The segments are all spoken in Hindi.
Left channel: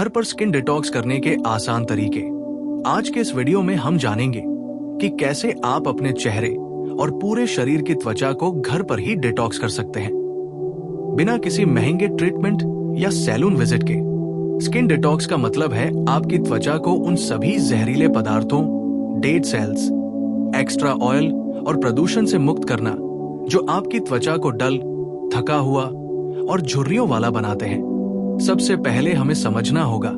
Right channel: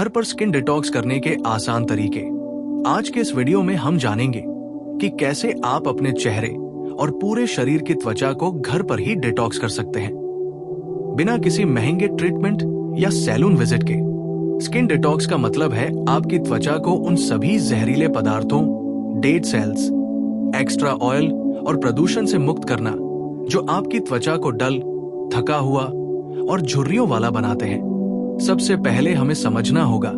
घर पर स्किन डिटॉक्स करने के आसान तरीके। आज के इस वीडियो में हम जानेंगे कि कैसे आप अपने चेहरे और पूरे शरीर की त्वचा को घर पर ही डिटॉक्स कर सकते हैं बिना किसी महंगे ट्रीटमेंट या सैलून विजिट के। स्किन डिटॉक्स का मतलब है आपकी त्वचा को उन सभी जहरीले पदार्थों, डेड सेल्स, एक्स्ट्रा ऑयल और प्रदूषण से मुक्त करना जो आपकी त्वचा को डल, थका हुआ और झुर्रियों वाला बनाते हैं। सबसे पहले हमें समझना होगा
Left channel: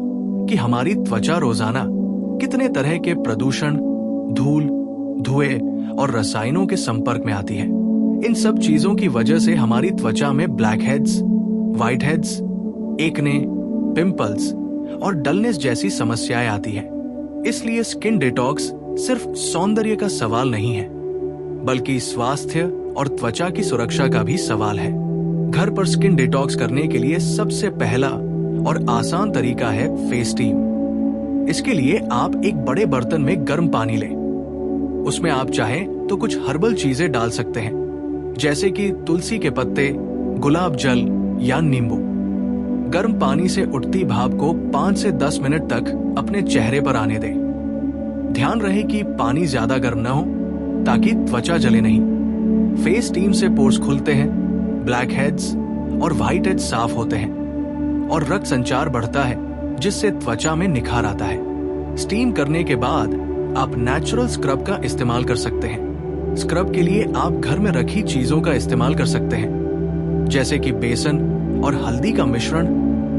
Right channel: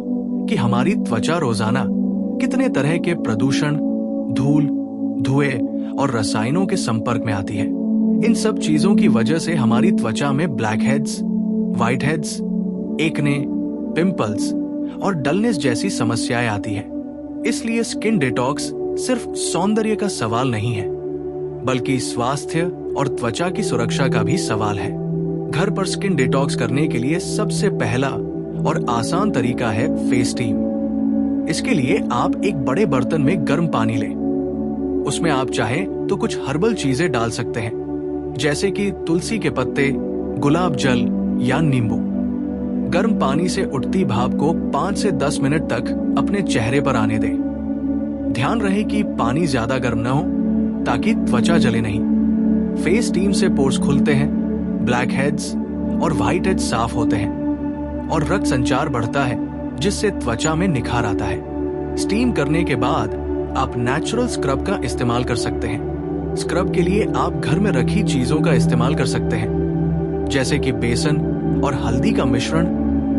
कि हमारी त्वचा रोजाना कितने तरह के प्रदूषण, धूल, धुएं और रसायनों के संपर्क में आती है। इन सब चीजों की वजह से हमारी त्वचा में black heads, white heads, acne, pimples और डलनेस जैसी समस्याएं आती हैं। इसलिए स्किन डिटॉक्स सिर्फ सौंदर्य का सवाल नहीं है, बल्कि स्वास्थ्य और त्वचा की सुरक्षा का भी सवाल है। घर पर स्किन डिटॉक्स करने के लिए सबसे पहला और आसान तरीका है फेस स्टीम। इसके लिए आप एक बड़े बर्तन में गर्म पानी लें। उसमें आप चाहें तो कुछ हर्बल चीजें डाल सकते हैं, जैसे कि तुलसी के पत्ते, गुलाब जल या नींबू। गर्म पानी से उठती भाप को 5 से 10 मिनट तक अपने चेहरे पर आने दें। ध्यान रहे कि पानी ज्यादा गर्म न हो ताकि त्वचा जले नहीं। फेस स्टीम से पोर्स खुलते हैं, ब्लैक हेड्स और व्हाइट हेड्स साफ होते हैं और रक्त संचार बढ़ता है, जिससे त्वचा में निखार आता है। स्टीम करने के बाद आप नेचुरल स्क्रब का इस्तेमाल कर सकते हैं। स्क्रब के लिए आप घर में रखी चीजों का इस्तेमाल कर सकते हैं, जैसे कि बेसन और हल्दी का मिश्रण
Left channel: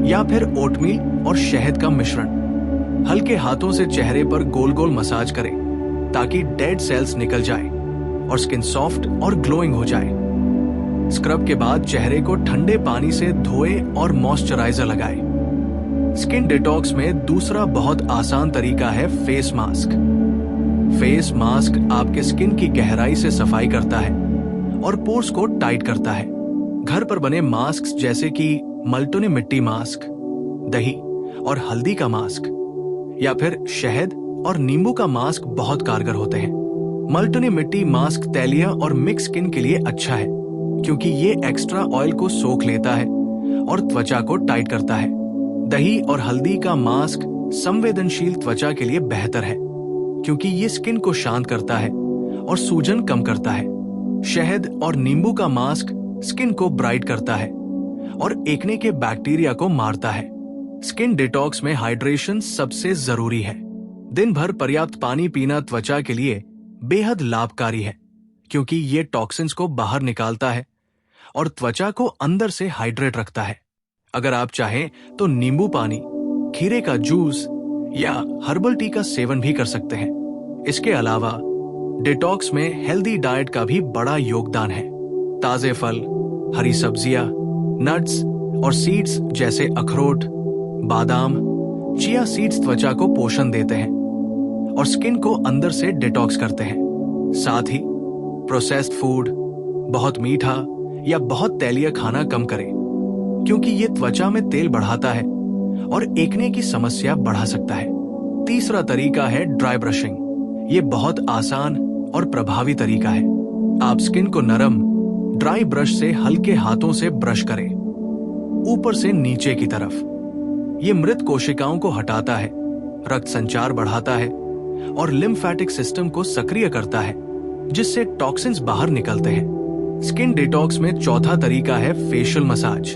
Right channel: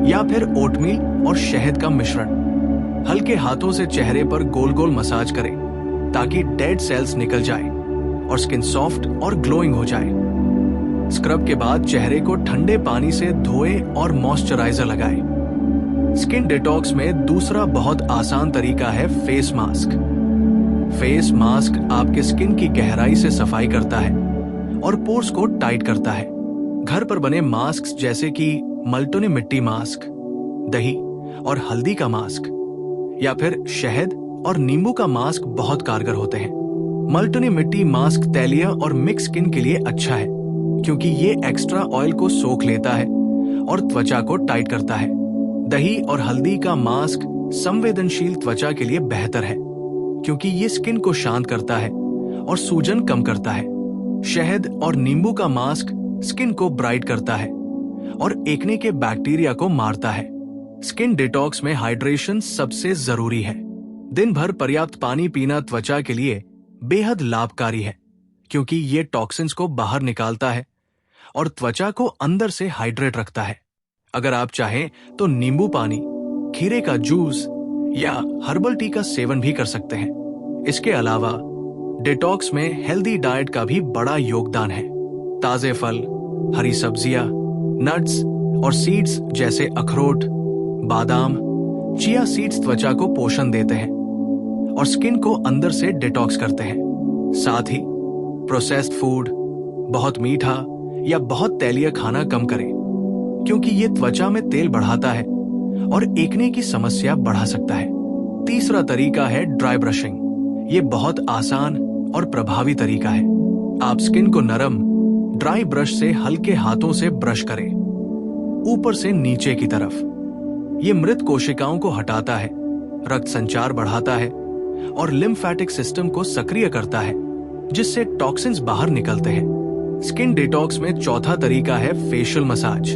या फिर ओटमील और शहद का मिश्रण। हल्के हाथों से चेहरे पर गोल गोल मसाज करें ताकि डेड सेल्स निकल जाए और स्किन सॉफ्ट और ग्लोइंग हो जाए। स्क्रब के बाद चेहरे को ठंडे पानी से धोए और मॉइस्चराइजर लगाएं। स्किन डिटॉक्स में दूसरा बहुत आसान तरीका है फेस मास्क। फेस मास्क आपके स्किन की गहराई से सफाई करता है और पोर्स को टाइट करता है। घर पर बने मास्क जैसे कि मल्टोनी मिट्टी मास्क, दही और हल्दी का मास्क या फिर शहद और नींबू का मास्क बहुत कारगर होते हैं। मल्टोनी मिट्टी मास्क तैलीय और मिक्स स्किन के लिए अच्छा है, क्योंकि ये एक्स्ट्रा ऑयल को सोख लेता है और त्वचा को टाइट करता है। दही और हल्दी का मास्क संवेदनशील त्वचा के लिए बेहतर है, क्योंकि ये स्किन को शांत करता है और सूजन कम करता है। शहद और नींबू का मास्क स्किन को ब्राइट करता है और एक्ने के बैक्टीरिया को मारता है। स्किन डिटॉक्स में हाइड्रेशन सबसे जरूरी है। दिन भर पर्याप्त पानी पीना त्वचा के लिए बेहद लाभकारी है, क्योंकि ये टॉक्सिन्स को बाहर निकालता है और त्वचा को अंदर से हाइड्रेट रखता है। अगर आप चाहें तो नींबू पानी, खीरे का जूस या हर्बल टी का सेवन भी कर सकते हैं। इसके अलावा डिटॉक्स में हेल्दी डाइट का भी बड़ा योगदान है। ताजे फल, हरी सब्जियां, नट्स और सीड्स जैसे अखरोट, बादाम, चिया सीड्स त्वचा को पोषण देते हैं और स्किन को अंदर से डिटॉक्स करते हैं। साथ ही प्रोसेस्ड फूड, बहुत मीठा या बहुत तैलीय खाना कम करें, क्योंकि ये त्वचा में तेल बढ़ाता है और एक्ने की समस्या बढ़ा सकता है। तीसरा तरीका है ड्राई ब्रशिंग। ये बहुत आसान और प्रभावी तरीका है। आप स्किन को नरम ड्राई ब्रश से हल्के हाथों से ब्रश करें, ऊपर से नीचे की तरफ। ये मृत कोशिकाओं को हटाता है, रक्त संचार बढ़ाता है और लिम्फेटिक सिस्टम को सक्रिय करता है, जिससे टॉक्सिन्स बाहर निकलते हैं। स्किन डिटॉक्स में चौथा तरीका है फेशियल मसाज।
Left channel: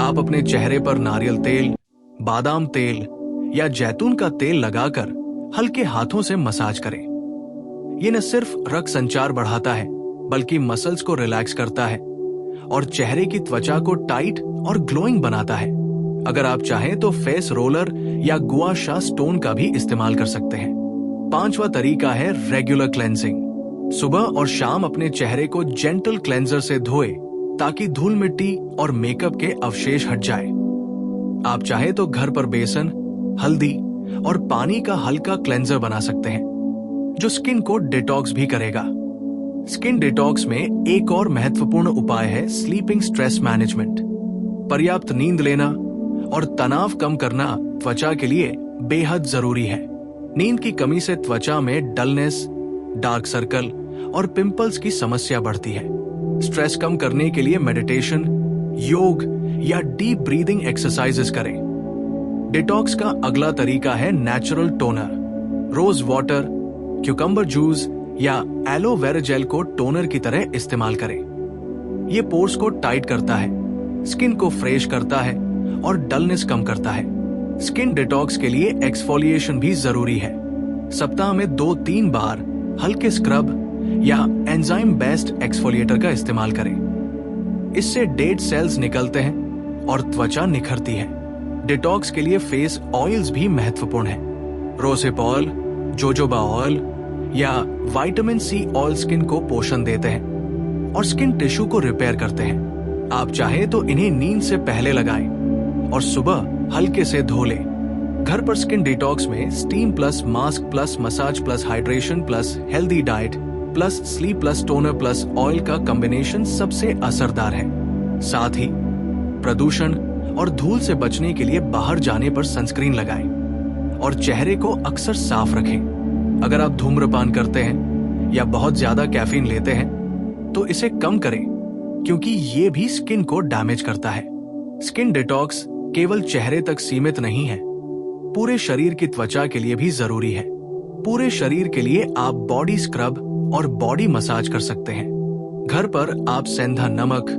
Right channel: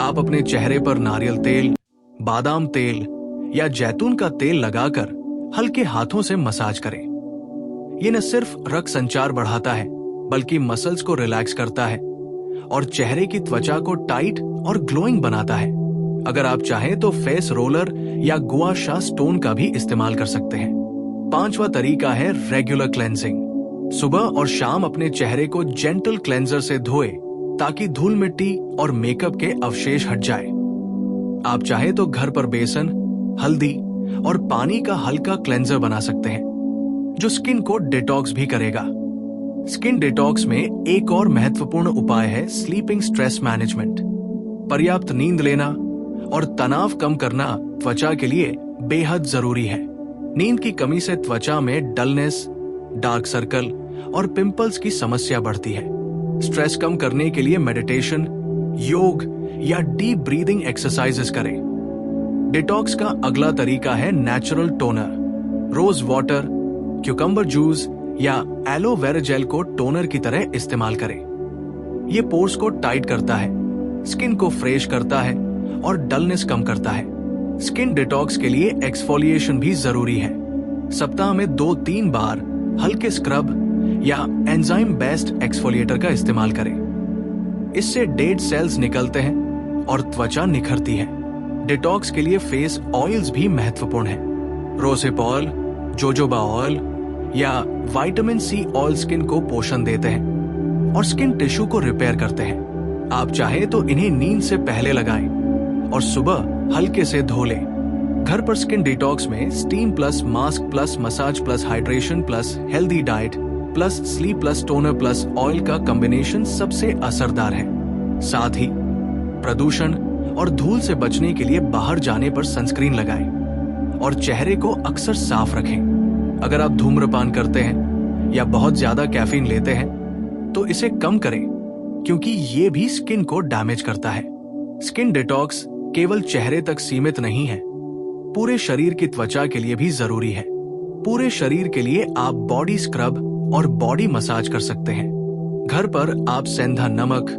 आप अपने चेहरे पर नारियल तेल, बादाम तेल या जैतून का तेल लगाकर हल्के हाथों से मसाज करें। ये न सिर्फ रक्त संचार बढ़ाता है, बल्कि मसल्स को रिलैक्स करता है और चेहरे की त्वचा को टाइट और ग्लोइंग बनाता है। अगर आप चाहें तो फेस रोलर या गुआ शा स्टोन का भी इस्तेमाल कर सकते हैं। पांचवा तरीका है रेगुलर क्लेंजिंग। सुबह और शाम अपने चेहरे को जेंटल क्लेंजर से धोए ताकि धूल मिट्टी और मेकअप के अवशेष हट जाए। आप चाहे तो घर पर बेसन, हल्दी और पानी का हल्का क्लेंजर बना सकते हैं, जो स्किन को डिटॉक्स भी करेगा। स्किन डिटॉक्स में एक और महत्वपूर्ण उपाय है स्लीपिंग स्ट्रेस मैनेजमेंट। पर्याप्त नींद लेना और तनाव कम करना त्वचा के लिए बेहद जरूरी है। नींद की कमी से त्वचा में डलनेस, डार्क सर्कल और पिंपल्स की समस्या बढ़ती है। स्ट्रेस कम करने के लिए मेडिटेशन, योग या डीप ब्रीदिंग एक्सरसाइजेस करें। डिटॉक्स का अगला तरीका है natural toner. Rose water, cucumber juice या एलोवेरा जेल को टोनर की तरह इस्तेमाल करें। ये पोर्स को टाइट करता है, स्किन को फ्रेश करता है और डलनेस कम करता है। स्किन डिटॉक्स के लिए एक्सफोलिएशन भी जरूरी है। सप्ताह में 2-3 बार हल्के स्क्रब या एंजाइम बेस्ड एक्सफोलिएटर का इस्तेमाल करें। इससे डेड सेल्स निकलते हैं और त्वचा निखरती है। डिटॉक्स के लिए फेस ऑयल्स भी महत्वपूर्ण है। रोसेप ऑयल, जोजोबा ऑयल या विटामिन सी ऑयल स्किन को पोषण देते हैं और स्किन टिश्यू को रिपेयर करते हैं। आप चाहे तो इन्हें नींद से पहले लगाएं और सुबह हल्के से धो लें। घर पर स्किन डिटॉक्स में steam plus mask plus massage plus hydration plus healthy diet plus sleep plus toner plus oil का कॉम्बिनेशन सबसे असरदार है। साथ ही प्रदूषण और धूल से बचने के लिए बाहर जाने पर सनस्क्रीन लगाएं और चेहरे को अक्सर साफ रखें। अगर आप धूम्रपान करते हैं या बहुत ज्यादा कैफीन लेते हैं तो इसे कम करें, क्योंकि ये भी स्किन को डैमेज करता है। स्किन डिटॉक्स केवल चेहरे तक सीमित नहीं है, पूरे शरीर की त्वचा के लिए भी जरूरी है। पूरे शरीर के लिए आप बॉडी स्क्रब और बॉडी मसाज कर सकते हैं। घर पर आप सेंधा नमक,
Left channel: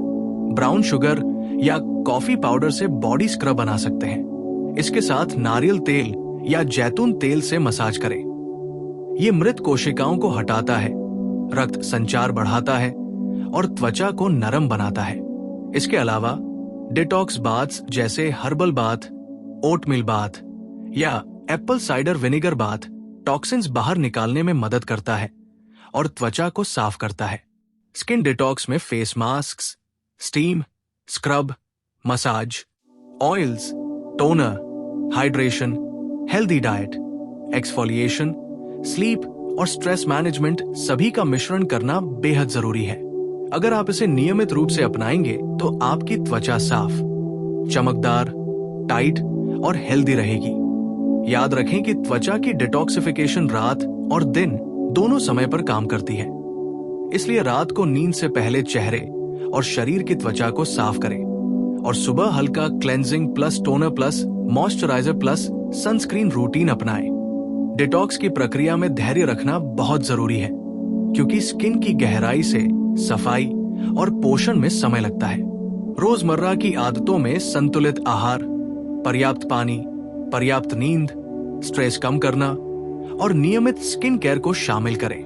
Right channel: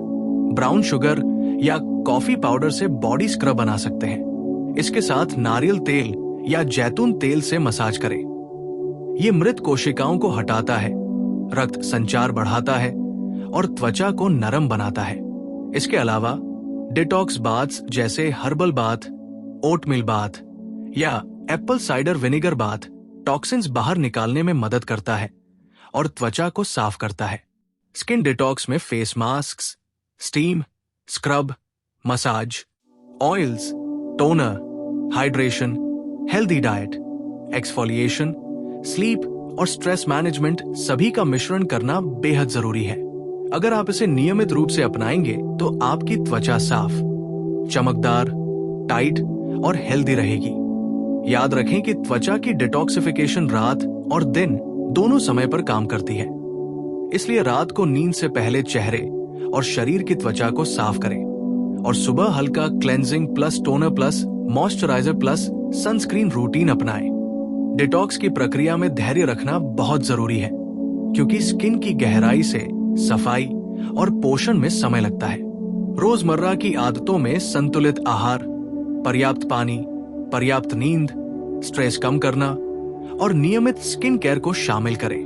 ब्राउन शुगर या कॉफी पाउडर से बॉडी स्क्रब बना सकते हैं। इसके साथ नारियल तेल या जैतून तेल से मसाज करें। ये मृत कोशिकाओं को हटाता है, रक्त संचार बढ़ाता है और त्वचा को नरम बनाता है। इसके अलावा डिटॉक्स बाथ्स जैसे हर्बल बाथ, ओटमील बाथ या apple cider vinegar bath toxins बाहर निकालने में मदद करता है और त्वचा को साफ करता है। स्किन डिटॉक्स में face mask, steam, scrub, massage, oils, toner, hydration, healthy diet, exfoliation, sleep और स्ट्रेस मैनेजमेंट सभी का मिश्रण करना बेहद जरूरी है। अगर आप इसे नियमित रूप से अपनाएंगे तो आपकी त्वचा साफ, चमकदार, टाइट और हेल्दी रहेगी। याद रखें कि त्वचा की डिटॉक्सिफिकेशन रात और दिन दोनों समय पर काम करती है, इसलिए रात को नींद से पहले चेहरे और शरीर की त्वचा को साफ करें और सुबह हल्का cleansing plus toner plus moisturiser plus sunscreen routine अपनाएं। डिटॉक्स की प्रक्रिया में धैर्य रखना बहुत जरूरी है, क्योंकि स्किन की गहराई से सफाई और पोषण में समय लगता है। रोजमर्रा की आदतों में संतुलित आहार, पर्याप्त पानी, पर्याप्त नींद, स्ट्रेस कम करना और नियमित स्किन केयर को शामिल करें।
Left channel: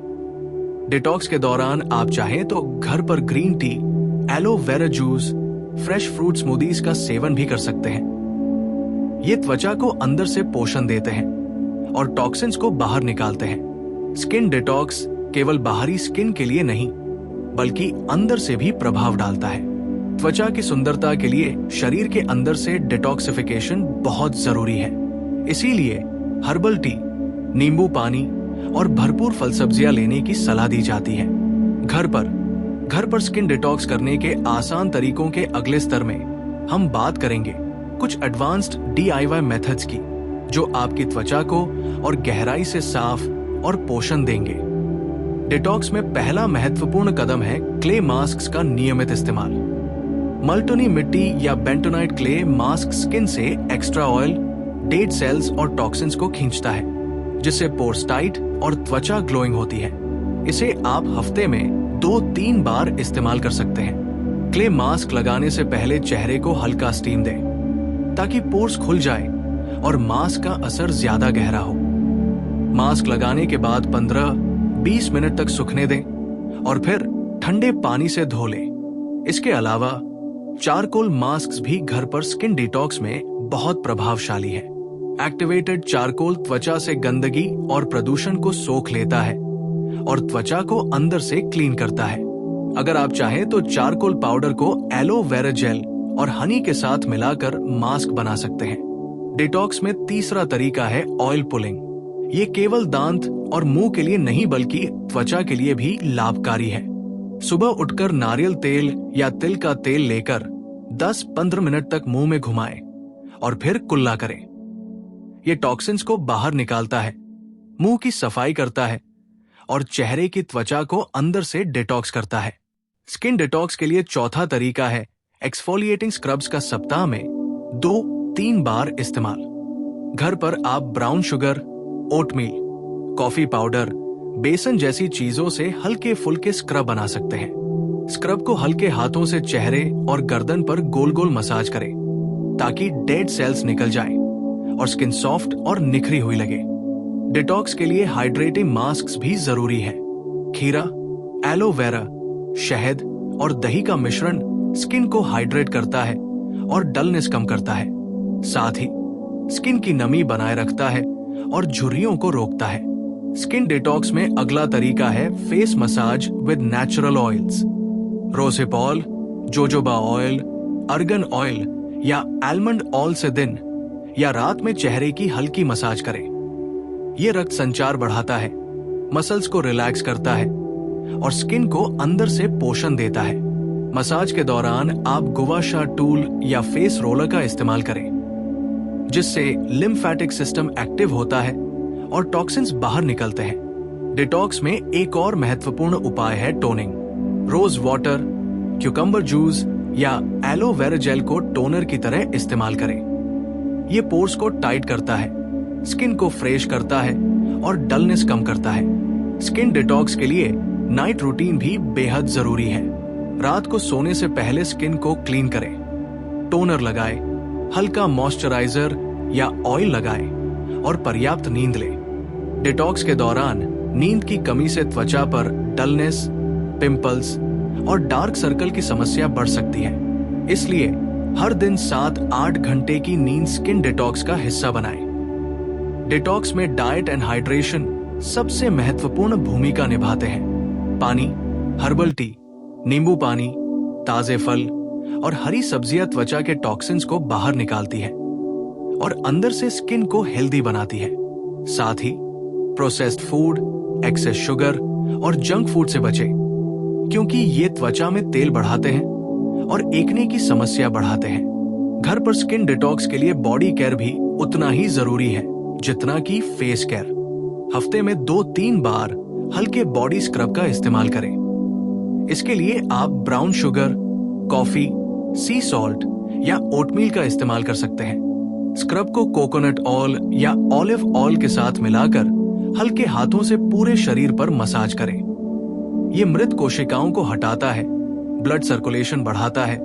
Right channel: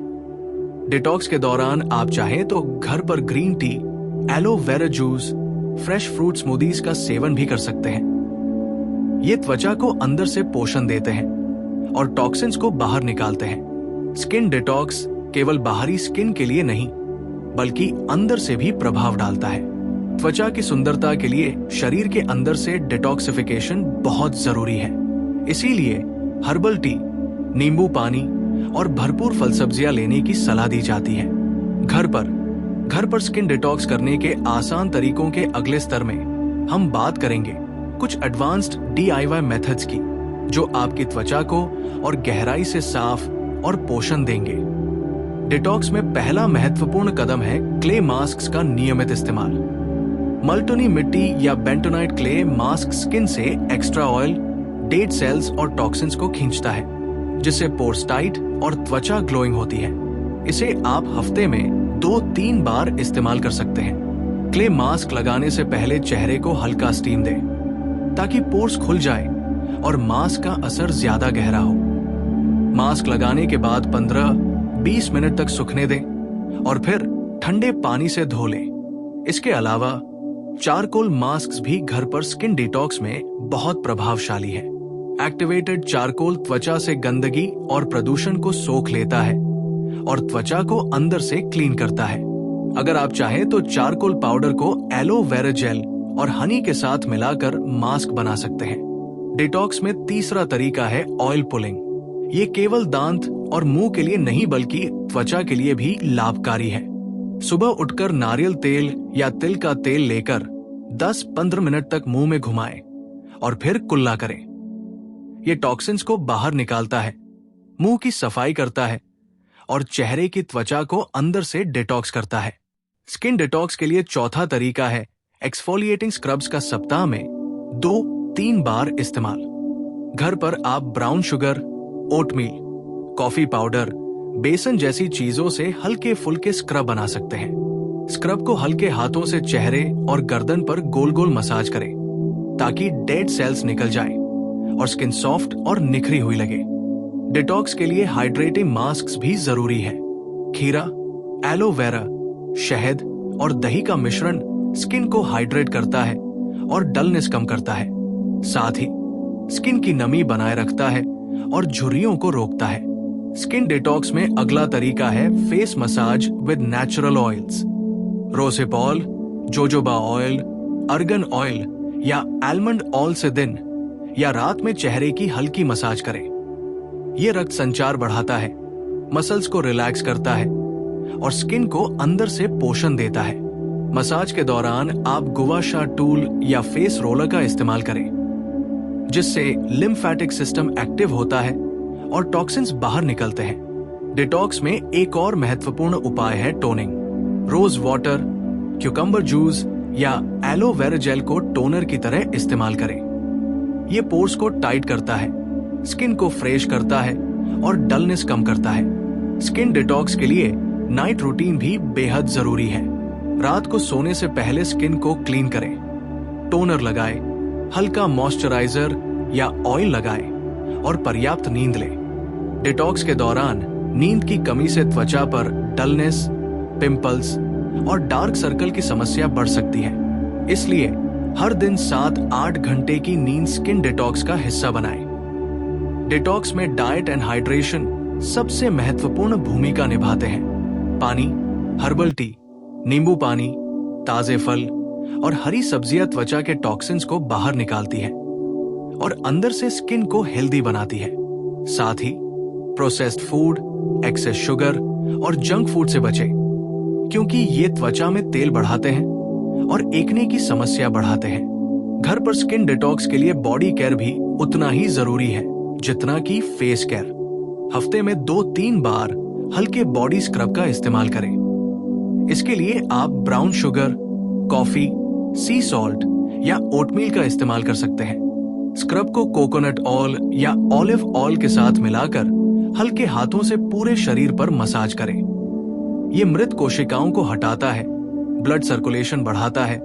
डिटॉक्स के दौरान आप चाहें तो घर पर green tea, aloe vera juice, fresh fruit smoothies का सेवन भी कर सकते हैं। ये त्वचा को अंदर से पोषण देते हैं और टॉक्सिन्स को बाहर निकालते हैं। स्किन डिटॉक्स केवल बाहरी स्किन के लिए नहीं, बल्कि अंदर से भी प्रभाव डालता है। त्वचा की सुंदरता के लिए शरीर के अंदर से डिटॉक्सिफिकेशन बहुत जरूरी है। इसीलिए हर्बल टी, नींबू पानी और भरपूर फल सब्जियां लेने की सलाह दी जाती है। घर पर स्किन डिटॉक्स करने के आसान तरीकों के अगले स्तर में हम बात करेंगे कुछ एडवांस्ड DIY मेथड्स की, जो आपकी त्वचा को और गहराई से साफ और पोषण देंगे। डिटॉक्स में पहला महत्वपूर्ण कदम है क्ले मास्क का नियमित इस्तेमाल। मल्टोनी मिट्टी या बेंटोनाइट क्ले मास्क स्किन से एक्स्ट्रा ऑयल, डेड सेल्स और टॉक्सिन्स को खींचता है, जिससे पोर्स टाइट और त्वचा ग्लोइंग होती है। इसे आप हफ्ते में 2-3 बार इस्तेमाल कर सकते हैं। क्ले मास्क लगाने से पहले चेहरे को हल्का स्टीम दें, ताकि पोर्स खुल जाए और मास्क का असर ज्यादा गहरा हो। मास्क लगाने के बाद 15-20 मिनट तक सूखने दें और फिर ठंडे पानी से धो लें। इसके अलावा चारकोल मास्क भी घर पर स्किन डिटॉक्स में बहुत प्रभावशाली है। एक्टिवेटेड चारकोल त्वचा से गंदगी और प्रदूषण को सोख लेता है और त्वचा को अंदर से क्लीन करता है। अगर आप चाहें तो चारकोल पाउडर को एलोवेरा जेल और हनी के साथ मिलाकर मास्क बना सकते हैं। डिटॉक्स में तीसरा तरीका है ऑयल पुलिंग। ये केवल दांत और मुंह के लिए नहीं, बल्कि त्वचा के लिए भी लाभकारी है। सुबह उठकर नारियल तेल या तिल का तेल लेकर 10-15 मिनट तक मुंह में घुमाएं और फिर कुल्ला करें। ये टॉक्सिन्स को बाहर निकालता है, मुंह की सफाई करता है और चेहरे की त्वचा को अंदर से डिटॉक्स करता है। स्किन डिटॉक्स के लिए चौथा तरीका है एक्सफोलिएटिंग स्क्रब्स का सप्ताह में 2-3 बार इस्तेमाल। घर पर आप brown sugar, oatmeal, coffee powder, बेसन जैसी चीजों से हल्के फुल्के स्क्रब बना सकते हैं। स्क्रब को हल्के हाथों से चेहरे और गर्दन पर गोल गोल मसाज करें ताकि डेड सेल्स निकल जाएं और स्किन सॉफ्ट और निखरी हुई लगे। डिटॉक्स के लिए हाइड्रेटिंग मास्क भी जरूरी है। खीरा, एलोवेरा, शहद और दही का मिश्रण स्किन को हाइड्रेट करता है और डलनेस कम करता है। साथ ही स्किन की नमी बनाए रखता है और झुर्रियों को रोकता है। स्किन डिटॉक्स में अगला तरीका है face massage with natural oils. रोसेपॉल, जोजोबा ऑयल, अर्गन ऑयल या आलमंड ऑयल से दिन या रात में चेहरे की हल्की मसाज करें। यह रक्त संचार बढ़ाता है, मसल्स को रिलैक्स करता है और स्किन को अंदर से पोषण देता है। मसाज के दौरान आप गुवाशा टूल या फेस रोलर का इस्तेमाल करें, जिससे लिम्फेटिक सिस्टम एक्टिव होता है और टॉक्सिन्स बाहर निकलते हैं। डिटॉक्स में एक और महत्वपूर्ण उपाय है toning. Rose water, cucumber juice या एलोवेरा जेल को टोनर की तरह इस्तेमाल करें। यह पोर्स को टाइट करता है, स्किन को फ्रेश करता है और डलनेस कम करता है। स्किन डिटॉक्स के लिए नाइट रूटीन भी बेहद जरूरी है। रात को सोने से पहले स्किन को क्लीन करें, टोनर लगाएं, हल्का मॉइस्चराइजर या ऑयल लगाएं और पर्याप्त नींद लें। डिटॉक्स के दौरान नींद की कमी से त्वचा पर डलनेस, पिंपल्स और डार्क सर्कल की समस्या बढ़ सकती है। इसलिए हर दिन 7-8 घंटे की नींद स्किन डिटॉक्स का हिस्सा बनाएं। डिटॉक्स में डाइट एंड हाइड्रेशन सबसे महत्वपूर्ण भूमिका निभाते हैं। पानी, हर्बल टी, नींबू पानी, ताजे फल और हरी सब्जियां त्वचा के टॉक्सिन्स को बाहर निकालती है और अंदर से स्किन को हेल्दी बनाती है। साथ ही प्रोसेस्ड फूड, एक्सेस शुगर और जंक फूड से बचें, क्योंकि ये त्वचा में तेल बढ़ाते हैं और एक्ने की समस्या बढ़ाते हैं। घर पर स्किन डिटॉक्स के लिए बॉडी केयर भी उतना ही जरूरी है जितना कि फेस केयर। हफ्ते में 2-3 बार हल्के बॉडी स्क्रब का इस्तेमाल करें। इसके लिए आप ब्राउन शुगर, कॉफी, सी सॉल्ट या ओटमील का इस्तेमाल कर सकते हैं। स्क्रब को कोकोनट ऑयल या ऑलिव ऑयल के साथ मिलाकर हल्के हाथों से पूरे शरीर पर मसाज करें। यह मृत कोशिकाओं को हटाता है, ब्लड सर्कुलेशन बढ़ाता है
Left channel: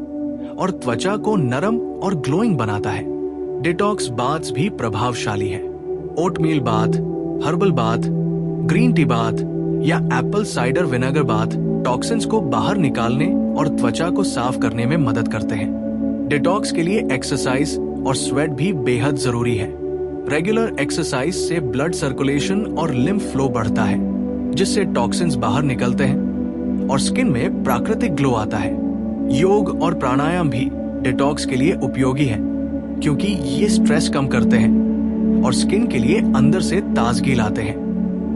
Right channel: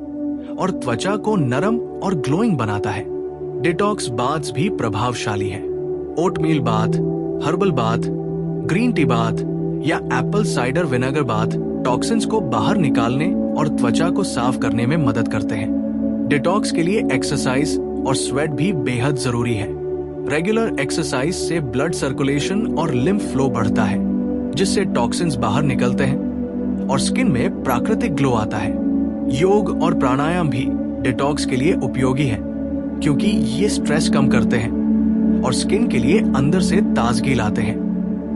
और त्वचा को नरम और ग्लोइंग बनाता है। डिटॉक्स बाथ्स भी प्रभावशाली है। Oatmeal bath, herbal bath, green tea bath या apple cider vinegar bath toxins को बाहर निकालने और त्वचा को साफ करने में मदद करते हैं। डिटॉक्स के लिए एक्सरसाइज और स्वेट भी बेहद जरूरी है। रेगुलर एक्सरसाइज से ब्लड सर्कुलेशन और लिम्फ फ्लो बढ़ता है, जिससे टॉक्सिन्स बाहर निकलते हैं और स्किन में प्राकृतिक ग्लो आता है। योग और प्राणायाम भी डिटॉक्स के लिए उपयोगी है, क्योंकि ये स्ट्रेस कम करते हैं और स्किन के लिए अंदर से ताजगी लाते हैं।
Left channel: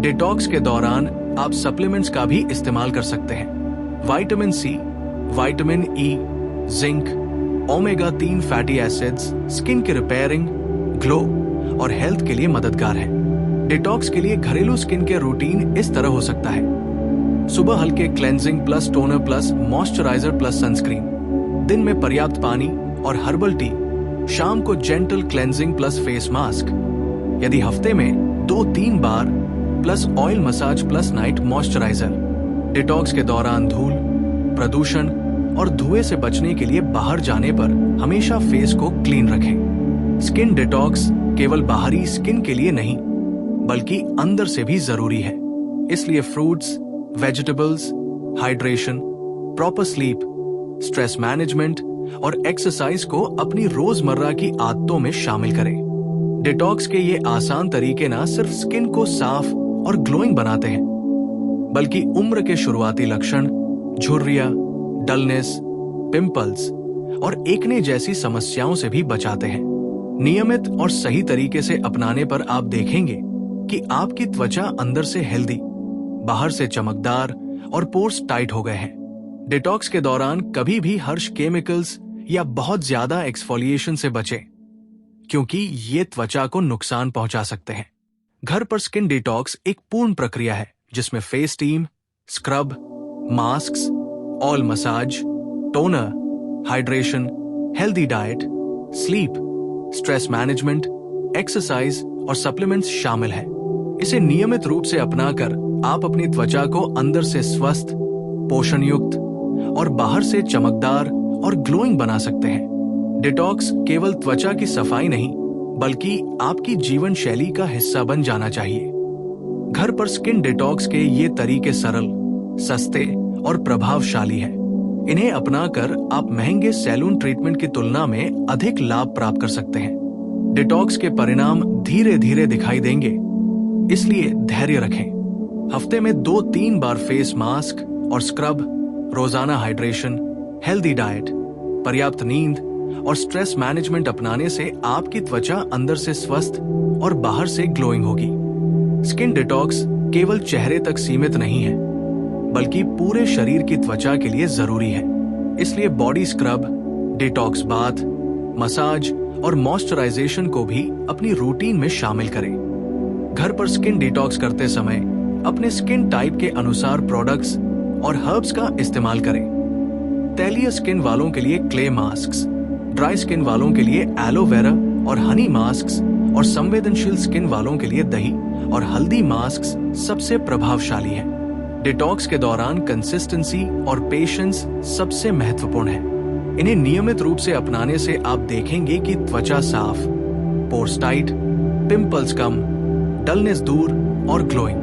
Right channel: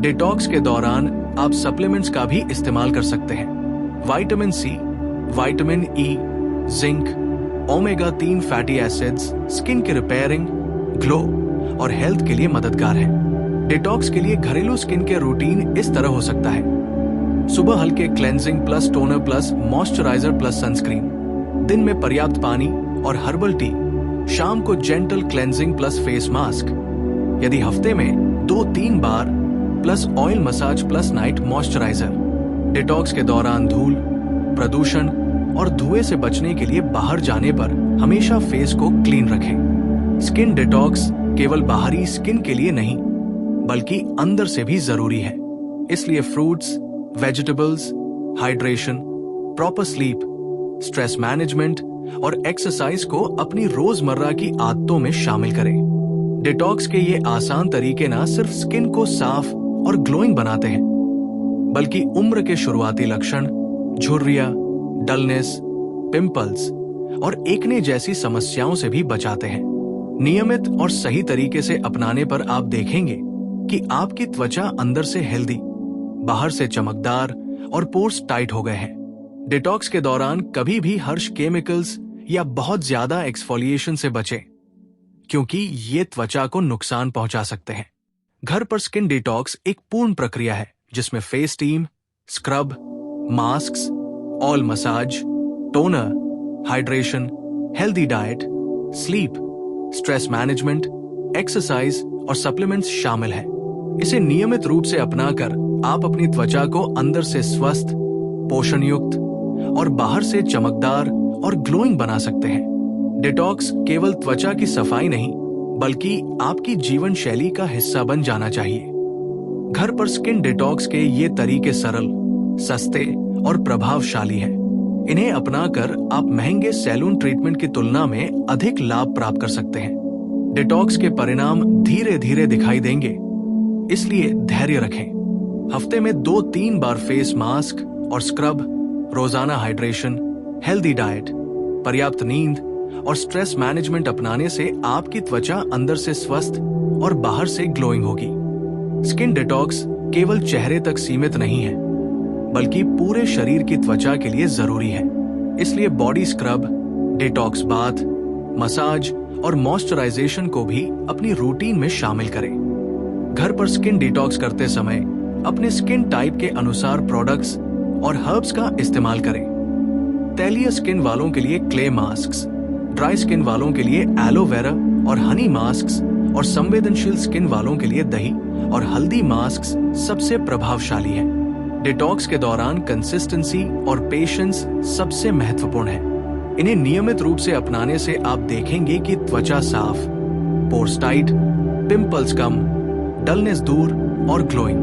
डिटॉक्स के दौरान आप सप्लीमेंट्स का भी इस्तेमाल कर सकते हैं। Vitamin C, vitamin E, zinc, omega 3 fatty acids skin के रिपेयरिंग, ग्लो और हेल्थ के लिए मददगार हैं। डिटॉक्स के लिए घरेलू स्किन केयर रूटीन इस तरह हो सकता है। सुबह हल्के cleansing plus toner plus moisturiser plus sunscreen, दिन में पर्याप्त पानी और हर्बल टी, शाम को gentle cleansing plus face mask. यदि हफ्ते में 2-3 बार plus oil massage plus night moisturiser. Detox के दौरान धूल, प्रदूषण और धुएं से बचने के लिए बाहर जाने पर हमेशा फेस को क्लीन रखें। स्किन डिटॉक्स केवल बाहरी स्किन के लिए नहीं, बल्कि अंदर से भी जरूरी है। इसलिए fruits, vegetables, hydration, proper sleep, stress management और एक्सरसाइज को अपनी रोजमर्रा की आदतों में शामिल करें। डिटॉक्स के ये आसान तरीके न सिर्फ स्किन को साफ और ग्लोइंग बनाते हैं, बल्कि उम्र के शुरुआती लक्षण, झुर्रियां, डलनेस, पिंपल्स और एक्ने जैसी समस्याओं से भी बचाते हैं। नियमित और सही तरीके से अपनाने पर आप देखेंगे कि आपकी त्वचा अंदर से हेल्दी, बाहर से चमकदार और पोर्स टाइट हो गए हैं। डिटॉक्स के दौरान कभी भी हर्ष केमिकल्स या बहुत ज्यादा एक्सफोलिएशन से बचें, क्योंकि ये त्वचा को नुकसान पहुंचा सकते हैं। घर पर स्किन डिटॉक्स एक पूर्ण प्रक्रिया है, जिसमें face steam, scrub, masks, oil massage, toner, hydration, healthy diet, sleep, stress management exercise और सप्लीमेंट्स शामिल है। इसे नियमित रूप से अपनाकर आप अपनी त्वचा को अंदर से स्वस्थ, पोषण युक्त और बाहर से चमकदार और ग्लोइंग बना सकते हैं। डिटॉक्स केवल त्वचा की सफाई नहीं, बल्कि आपकी जीवन शैली का हिस्सा बन जाना चाहिए। घर पर स्किन डिटॉक्स के ये तरीके सरल, सस्ते और प्रभावशाली हैं। इन्हें अपनाकर आप महंगे सैलून ट्रीटमेंट की तुलना में अधिक लाभ प्राप्त कर सकते हैं। डिटॉक्स के परिणाम धीरे धीरे दिखाई देंगे, इसलिए धैर्य रखें। हफ्ते में 2-3 बार फेस मास्क और स्क्रब, रोजाना हाइड्रेशन, हेल्दी डाइट, पर्याप्त नींद और स्ट्रेस मैनेजमेंट अपनाने से आपकी त्वचा अंदर से स्वस्थ और बाहर से ग्लोइंग होगी। स्किन डिटॉक्स केवल चेहरे तक सीमित नहीं है, बल्कि पूरे शरीर की त्वचा के लिए जरूरी है। इसलिए body scrub, detox bath, massage और मॉइस्चराइजेशन को भी अपनी रूटीन में शामिल करें। घर पर स्किन डिटॉक्स करते समय अपने स्किन टाइप के अनुसार प्रोडक्ट्स और हर्ब्स का इस्तेमाल करें। तैलीय स्किन वालों के लिए क्ले मास्क्स, ड्राई स्किन वालों के लिए एलोवेरा और हनी मास्क्स और संवेदनशील स्किन वालों के लिए दही और हल्दी मास्क्स सबसे प्रभावशाली हैं। डिटॉक्स के दौरान कंसिस्टेंसी और पेशेंस सबसे महत्वपूर्ण है। इन्हें नियमित रूप से अपनाने से आप देखेंगे कि त्वचा साफ, पोर्स टाइट, पिंपल्स कम, डलनेस दूर और ग्लोइंग।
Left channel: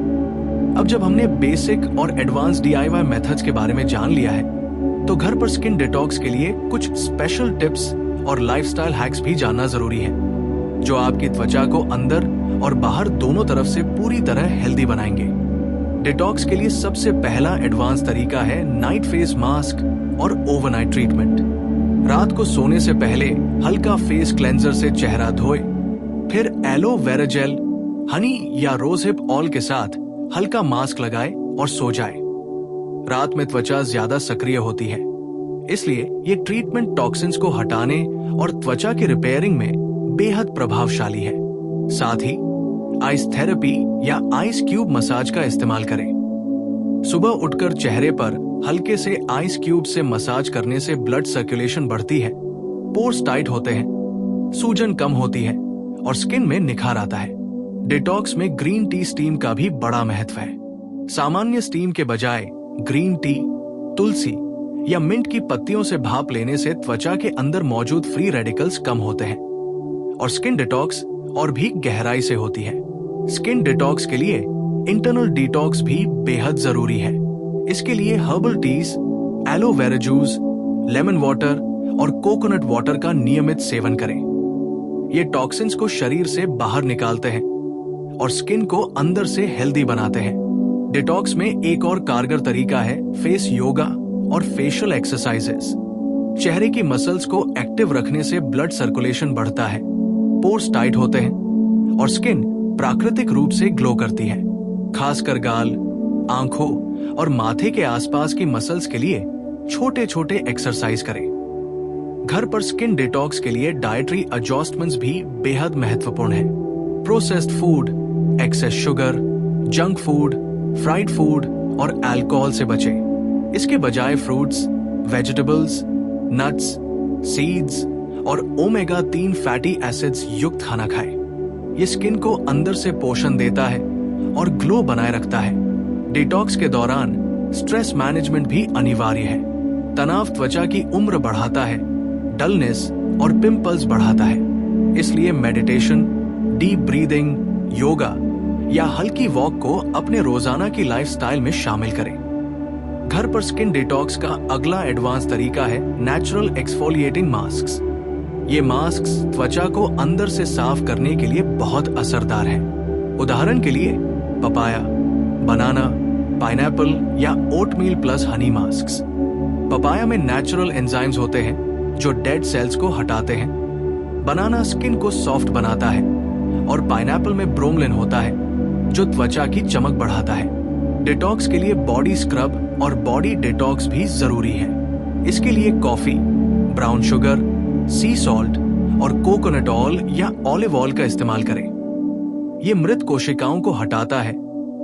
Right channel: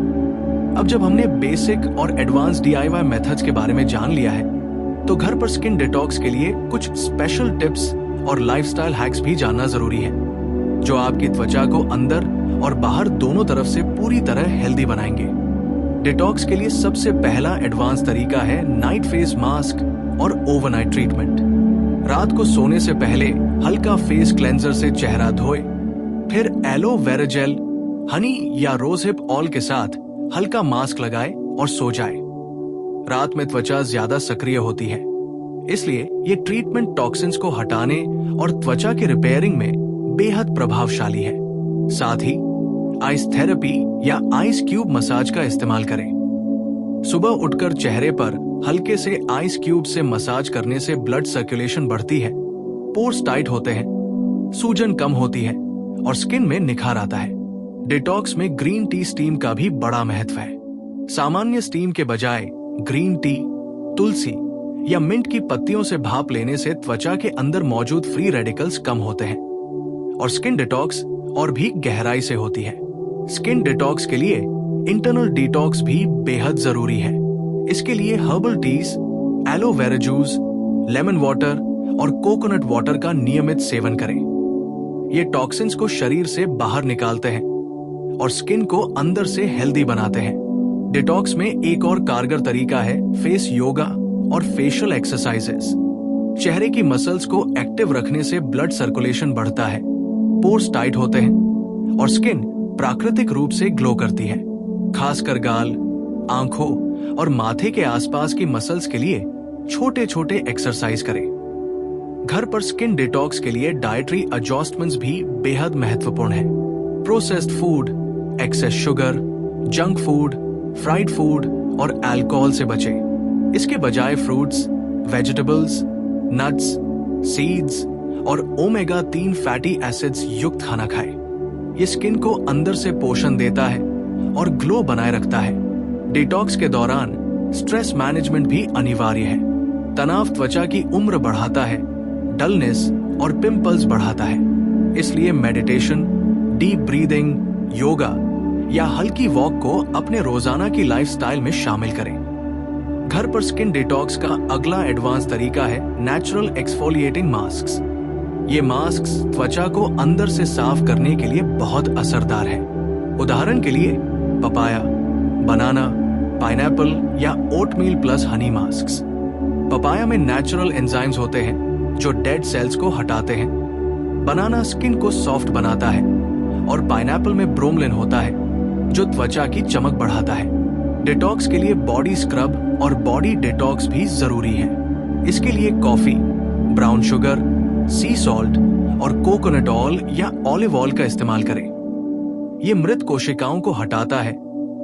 अब जब हमने बेसिक और एडवांस DIY मेथड्स के बारे में जान लिया है, तो घर पर स्किन डिटॉक्स के लिए कुछ स्पेशल टिप्स और लाइफस्टाइल हैक्स भी जानना जरूरी है, जो आपकी त्वचा को अंदर और बाहर दोनों तरफ से पूरी तरह हेल्दी बनाएंगे। डिटॉक्स के लिए सबसे पहला एडवांस तरीका है नाइट फेस मास्क और ओवरनाइट ट्रीटमेंट। रात को सोने से पहले हल्का फेस क्लेंजर से चेहरा धोए, फिर एलोवेरा जेल, हनी या रोजहिप ऑयल के साथ हल्का मास्क लगाए और सो जाए। रात में त्वचा ज्यादा सक्रिय होती है, इसलिए ये ट्रीटमेंट टॉक्सिन्स को हटाने और त्वचा की रिपेयरिंग में बेहद प्रभावशाली है। साथ ही आइस थेरेपी या आइस क्यूब मसाज का इस्तेमाल करें। सुबह उठकर चेहरे पर हल्के से आइस क्यूब से मसाज करने से ब्लड सर्कुलेशन बढ़ती है, पोर्स टाइट होते हैं, सूजन कम होती है और स्किन में निखार आता है। डिटॉक्स में ग्रीन टी स्टीम का भी बड़ा महत्व है। सामान्य स्टीम के बजाय ग्रीन टी, तुलसी या मिंट की पत्तियों से भाप लेने से त्वचा के अंदर मौजूद फ्री रेडिकल्स कम होते हैं और स्किन डिटॉक्स और भी गहराई से होती है। स्किन डिटॉक्स के लिए इंटरनल डिटॉक्स भी बेहद जरूरी है। इसके लिए herbal tease, aloe vera juice, lemon water और कोकोनट वाटर का नियमित सेवन करें। ये टॉक्सिन्स को शरीर से बाहर निकालते हैं और स्किन को अंदर से हेल्दी बनाते हैं। डिटॉक्स में एक और कारगर तरीका है फेस योगा और फेशियल एक्सरसाइजेस। चेहरे की मसल्स को एक्टिव रखने से ब्लड सर्कुलेशन बढ़ता है, पोर्स टाइट होते हैं और स्किन प्राकृतिक रूप से ग्लो करती है। खासकर गाल, आंखों और माथे के आसपास की मसल्स के लिए छोटे छोटे एक्सरसाइज करें। घर पर स्किन डिटॉक्स के लिए डाइटरी एडजस्टमेंट्स भी बेहद महत्वपूर्ण है। Processed food, excess sugar, junk food, fried food और अल्कोहल से बचें। इसके बजाय फ्रूट्स, वेजिटेबल्स, नट्स, सीड्स और ओमेगा 3 फैटी एसिड्स युक्त खाना खाएं। ये स्किन को अंदर से पोषण देता है और ग्लो बनाए रखता है। डिटॉक्स के दौरान स्ट्रेस मैनेजमेंट भी अनिवार्य है। तनाव त्वचा की उम्र बढ़ाता है, डलनेस और पिंपल्स बढ़ाता है। इसलिए मेडिटेशन, डीप ब्रीदिंग, योगा या हल्की वॉक को अपने रोजाना की लाइफस्टाइल में शामिल करें। घर पर स्किन डिटॉक्स का अगला एडवांस तरीका है नेचुरल एक्सफोलिएटिंग मास्क्स। ये मास्क्स त्वचा को अंदर से साफ करने के लिए बहुत असरदार है। उदाहरण के लिए पपाया, बनाना, पाइनएप्पल या oatmeal plus Honey masks. Papaya में नेचुरल एंजाइम्स होते हैं जो डेड सेल्स को हटाते हैं। बनाना स्किन को सॉफ्ट बनाता है और पाइनएप्पल में ब्रोमलिन होता है जो त्वचा की चमक बढ़ाता है। डिटॉक्स के लिए बॉडी स्क्रब और बॉडी डिटॉक्स भी जरूरी है। इसके लिए कॉफी, ब्राउन शुगर, सी सॉल्ट और कोकोनट ऑयल या ऑलिव ऑयल का इस्तेमाल करें। ये मृत कोशिकाओं को हटाता है,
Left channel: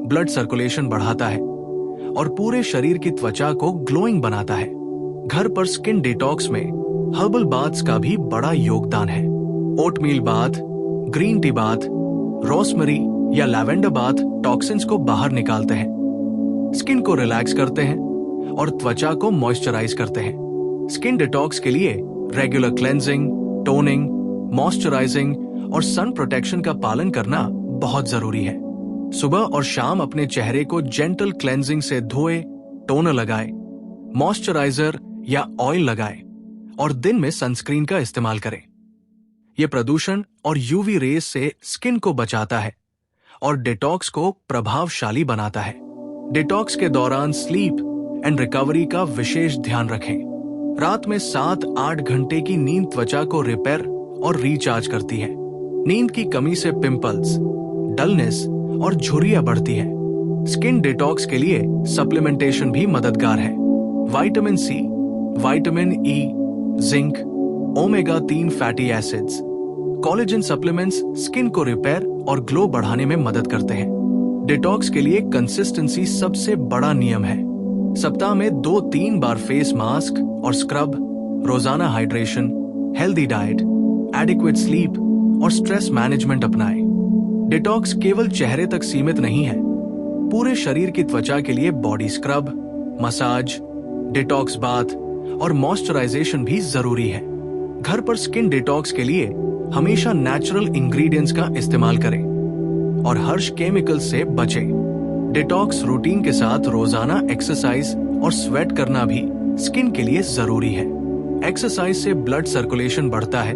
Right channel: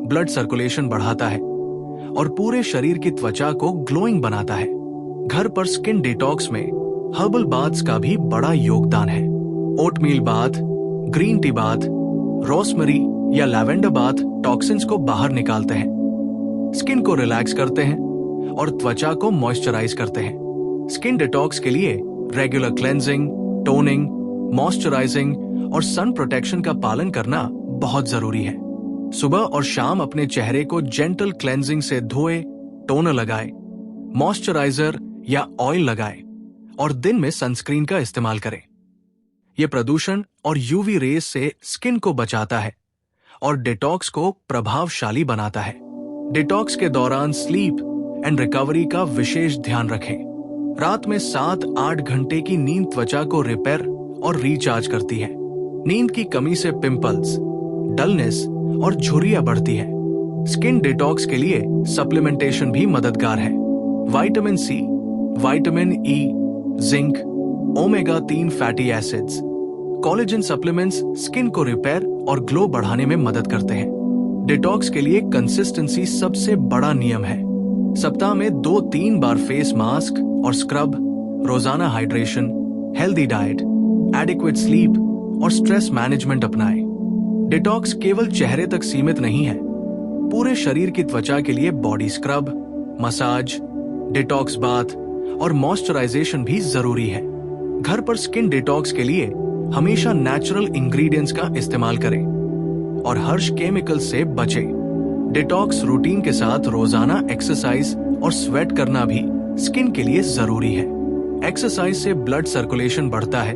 ब्लड सर्कुलेशन बढ़ाता है और पूरे शरीर की त्वचा को ग्लोइंग बनाता है। घर पर स्किन डिटॉक्स में हर्बल बाथ्स का भी बड़ा योगदान है। Oatmeal bath, green tea bath, rosemary या लैवेंडर बाथ टॉक्सिन्स को बाहर निकालते हैं, स्किन को रिलैक्स करते हैं और त्वचा को मॉइस्चराइज करते हैं। स्किन डिटॉक्स के लिए रेगुलर क्लेंजिंग, टोनिंग, मॉइस्चराइजिंग और सन प्रोटेक्शन का पालन करना बहुत जरूरी है। सुबह और शाम अपने चेहरे को जेंटल क्लेंजिंग से धोए, टोनर लगाए, मॉइस्चराइजर या ऑयल लगाए और दिन में सनस्क्रीन का इस्तेमाल करें। यह प्रदूषण और यूवी रेज से स्किन को बचाता है और डिटॉक्स को प्रभावशाली बनाता है। डिटॉक्स के दौरान स्लीप एंड रिकवरी का विशेष ध्यान रखें। रात में 7-8 घंटे की नींद त्वचा को रिपेयर और रिचार्ज करती है। नींद की कमी से पिंपल्स, डलनेस और झुर्रियां बढ़ती है। स्किन डिटॉक्स के लिए सप्लीमेंटेशन भी मददगार है। Vitamin C, vitamin E, zinc, omega 3 fatty acids, collagen supplements skin को रिपेयर और ग्लो बढ़ाने में मदद करते हैं। डिटॉक्स के लिए कंसिस्टेंसी सबसे बड़ा नियम है। सप्ताह में 2-3 बार फेस मास्क और स्क्रब, रोजाना hydration, healthy diet, adequate sleep और स्ट्रेस मैनेजमेंट अपनाएं। डिटॉक्स केवल चेहरे तक सीमित नहीं है। पूरे शरीर की त्वचा के लिए body scrub, massage, detox bath और मॉइस्चराइजेशन भी जरूरी है। घर पर स्किन डिटॉक्स के लिए हमेशा नेचुरल इंग्रेडिएंट्स का इस्तेमाल करें और हर्ष केमिकल से बचें। डिटॉक्स रूटीन के साथ रोजाना एक्सरसाइज और स्वेट करना भी स्किन के लिए जरूरी है। एक्सरसाइज से ब्लड सर्कुलेशन बढ़ता है,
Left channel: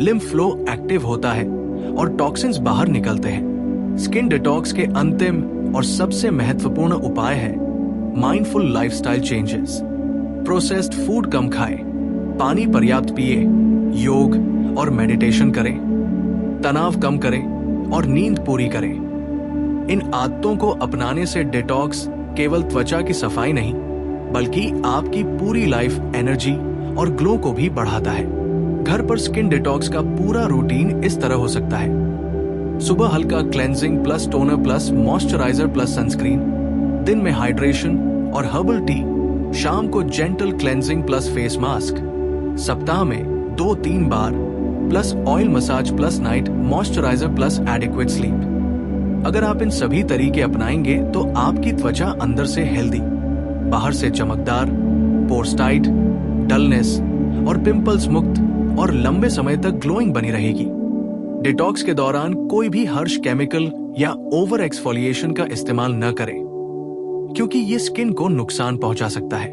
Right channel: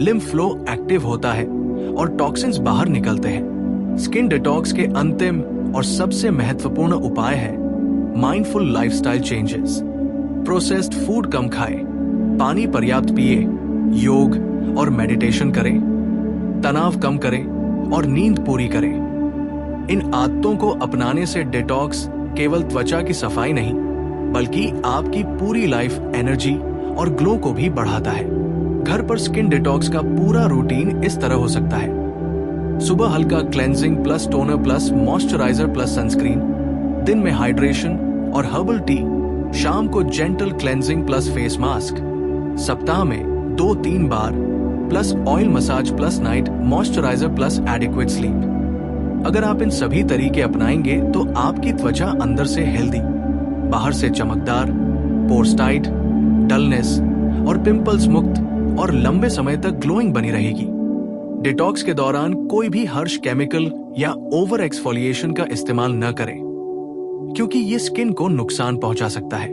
लिम्फ फ्लो एक्टिव होता है और टॉक्सिन्स बाहर निकलते हैं। स्किन डिटॉक्स के अंतिम और सबसे महत्वपूर्ण उपाय है mindful lifestyle changes. Processed food कम खाएं, पानी पर्याप्त पिए, योग और मेडिटेशन करें, तनाव कम करें और नींद पूरी करें। इन आदतों को अपनाने से डिटॉक्स केवल त्वचा की सफाई नहीं, बल्कि आपकी पूरी लाइफ एनर्जी और ग्लो को भी बढ़ाता है। घर पर स्किन डिटॉक्स का पूरा रूटीन इस तरह हो सकता है। सुबह हल्का cleansing plus toner plus moisturiser plus sunscreen, दिन में हाइड्रेशन और हर्बल टी, शाम को gentle cleansing plus face mask, सप्ताह में 2-3 बार plus oil massage plus night moisturiser plus adequate sleep. अगर आप इन सभी तरीके अपनाएंगे तो आपकी त्वचा अंदर से हेल्दी, बाहर से चमकदार, पोर्स टाइट, डलनेस और पिंपल्स मुक्त और लंबे समय तक ग्लोइंग बनी रहेगी। डिटॉक्स के दौरान कोई भी हर्ष केमिकल या ओवर एक्सफोलिएशन का इस्तेमाल न करें, क्योंकि ये स्किन को नुकसान पहुंचा सकता है।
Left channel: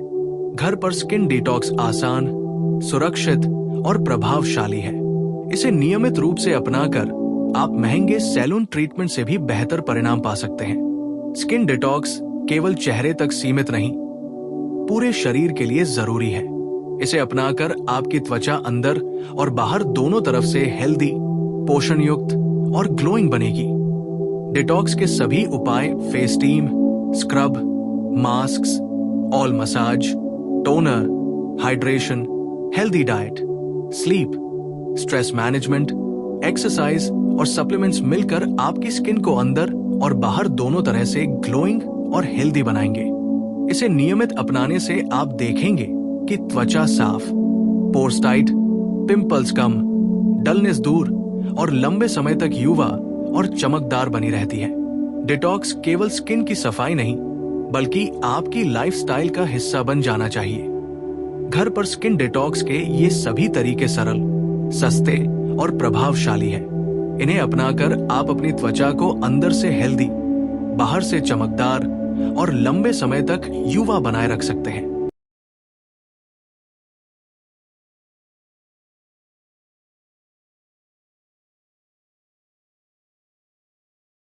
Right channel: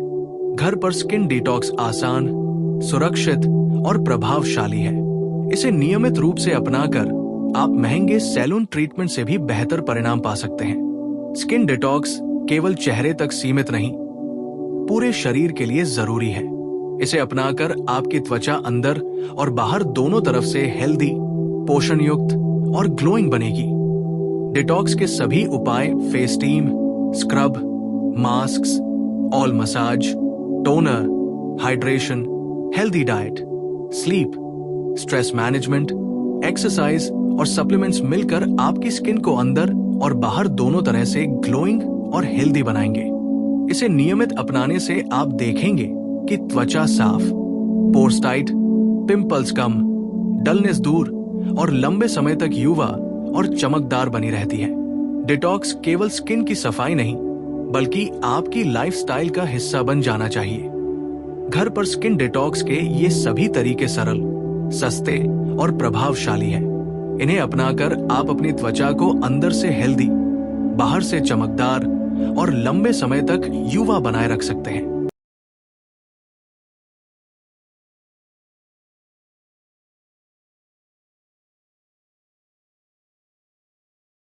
घर पर स्किन डिटॉक्स आसान, सुरक्षित और प्रभावशाली है। इसे नियमित रूप से अपनाकर आप महंगे सैलून ट्रीटमेंट से भी बेहतर परिणाम पा सकते हैं। स्किन डिटॉक्स केवल चेहरे तक सीमित नहीं, पूरे शरीर के लिए जरूरी है। इसे अपनाकर आपकी त्वचा अंदर और बाहर दोनों तरफ से हेल्दी, पोषण युक्त और ग्लोइंग बनेगी। डिटॉक्स के सभी उपाय face team, scrub, masks, oil massage, toner, hydration, healthy diet, sleep, stress management, exercise और सप्लीमेंट्स मिलकर आपकी स्किन को अंदर और बाहर दोनों तरह से ग्लोइंग और हेल्दी बनाएंगे। इसे नियमित अपनाने से आप देखेंगे कि त्वचा साफ, पोर्स टाइट, पिंपल्स कम, डलनेस दूर और लंबे समय तक युवा और चमकदार बनी रहती है। डिटॉक्स केवल स्किन की सफाई नहीं, बल्कि आपकी लाइफस्टाइल का हिस्सा बन जाना चाहिए। घर पर स्किन डिटॉक्स के ये सभी तरीके सरल, सस्ते और प्रभावशाली हैं। इन्हें अपनाकर आप अपनी त्वचा को अंदर से हेल्दी, बाहर से चमकदार और लंबे समय तक युवा बनाए रख सकते हैं।